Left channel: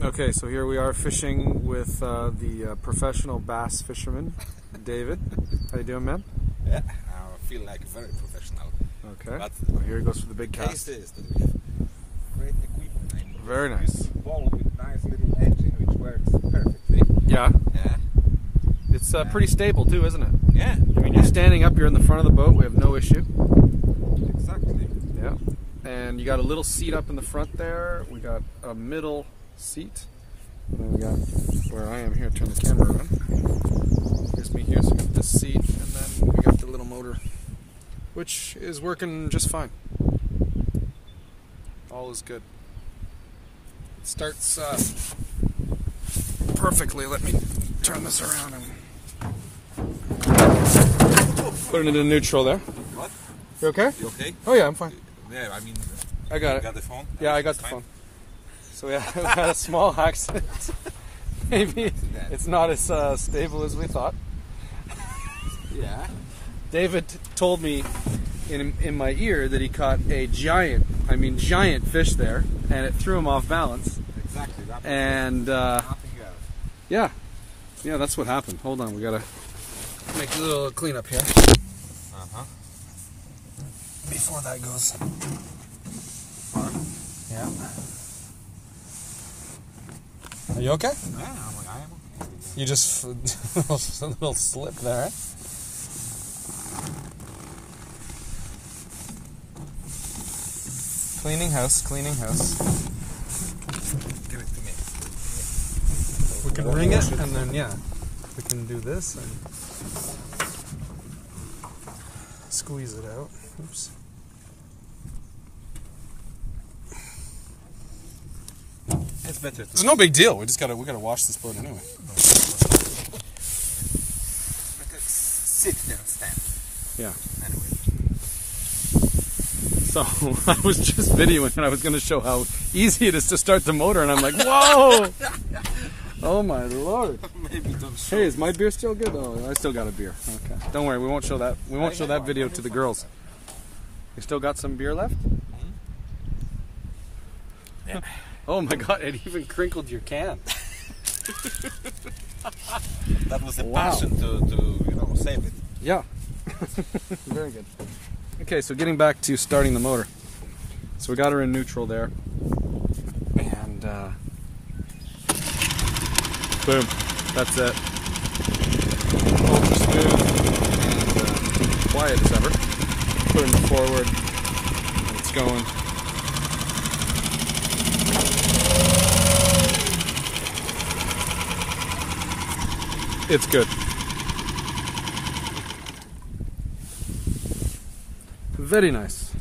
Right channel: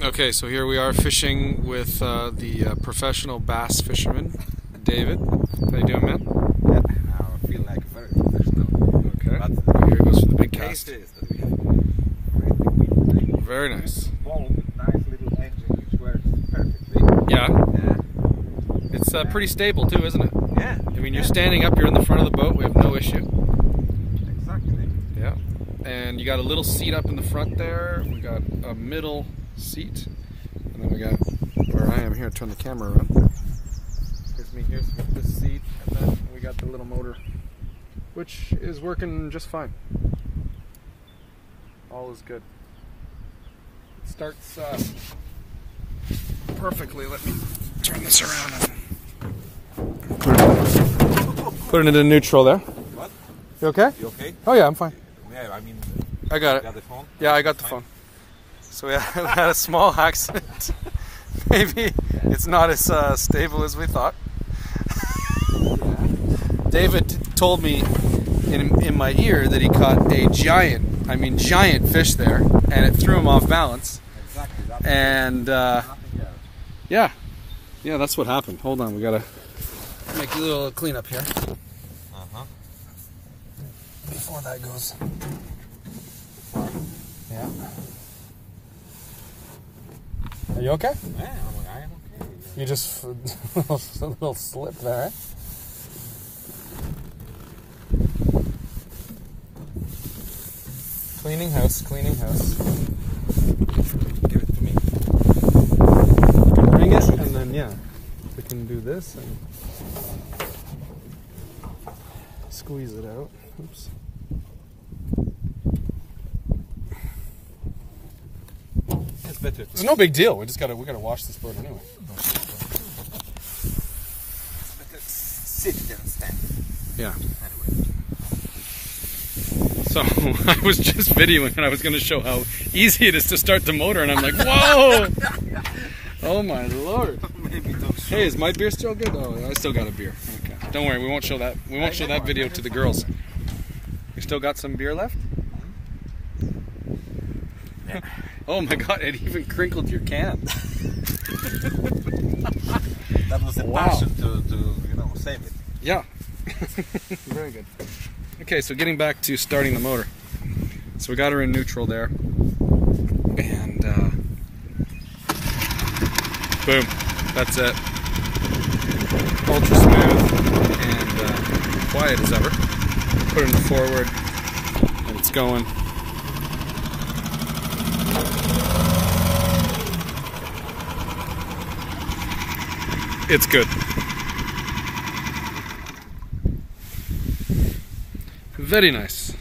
Okay, so here we are fishing with the professional bass fisherman, David. How you doing, man? Yeah, I feel like very professional. Okay. But here goes for the big cast. Great big weed. Very nice. Ball with nice little edging which works perfectly. Yeah. Yeah. It's pretty stable too, isn't it? Yeah. I mean, you're standing up, you're in the front of the boat, we have no issue. Exactly. Yeah. And you got a little seat up in the front there. We got a middle seat. And then we got where I am here, turn the camera around. Here's me here, so we got this seat, and then we got the little motor, which is working just fine. All is good. It starts perfectly. Let me turn this around and putting it in neutral there. What? You okay? You okay? Oh yeah, I'm fine. Yeah, I mean, I got you it. got the phone? Yeah, I got the phone. So we had a small accident. Maybe it's not as stable as we thought. Yeah. David told me in my ear that he caught a giant fish there, and it threw him off balance. Exactly. And Nothing else. yeah, that's what happened. Hold on, we gotta make a little cleanup here before that goes. Yeah. Are you okay? Yeah, I am okay. You just a little slip there, eh? Cleaning house, cleaning house. Give it to me. We can ring it, and then yeah, we can do this and squeeze it out. Oops. It's better. It's no big deal. We gotta wash this boat anyway. Sit there and stand. Yeah. Anyway. So I was just videoing, and I was gonna show how easy it is to start the motor, and I'm like, whoa! Oh my lord! Maybe don't show. Hey, is my beer still good? Oh, I still got a beer. Okay. Don't worry, we won't show that. We won't show that video to the girls. You still got some beer left? Yeah. Oh my god, it even crinkled your can. That was the Wow. passion to save it. Yeah. Very good. Okay, so getting back to starting the motor. So we got her in neutral there. And boom. That's it. Ultra smooth and quiet as ever. Put it in forward and it's going. It's good. Very nice.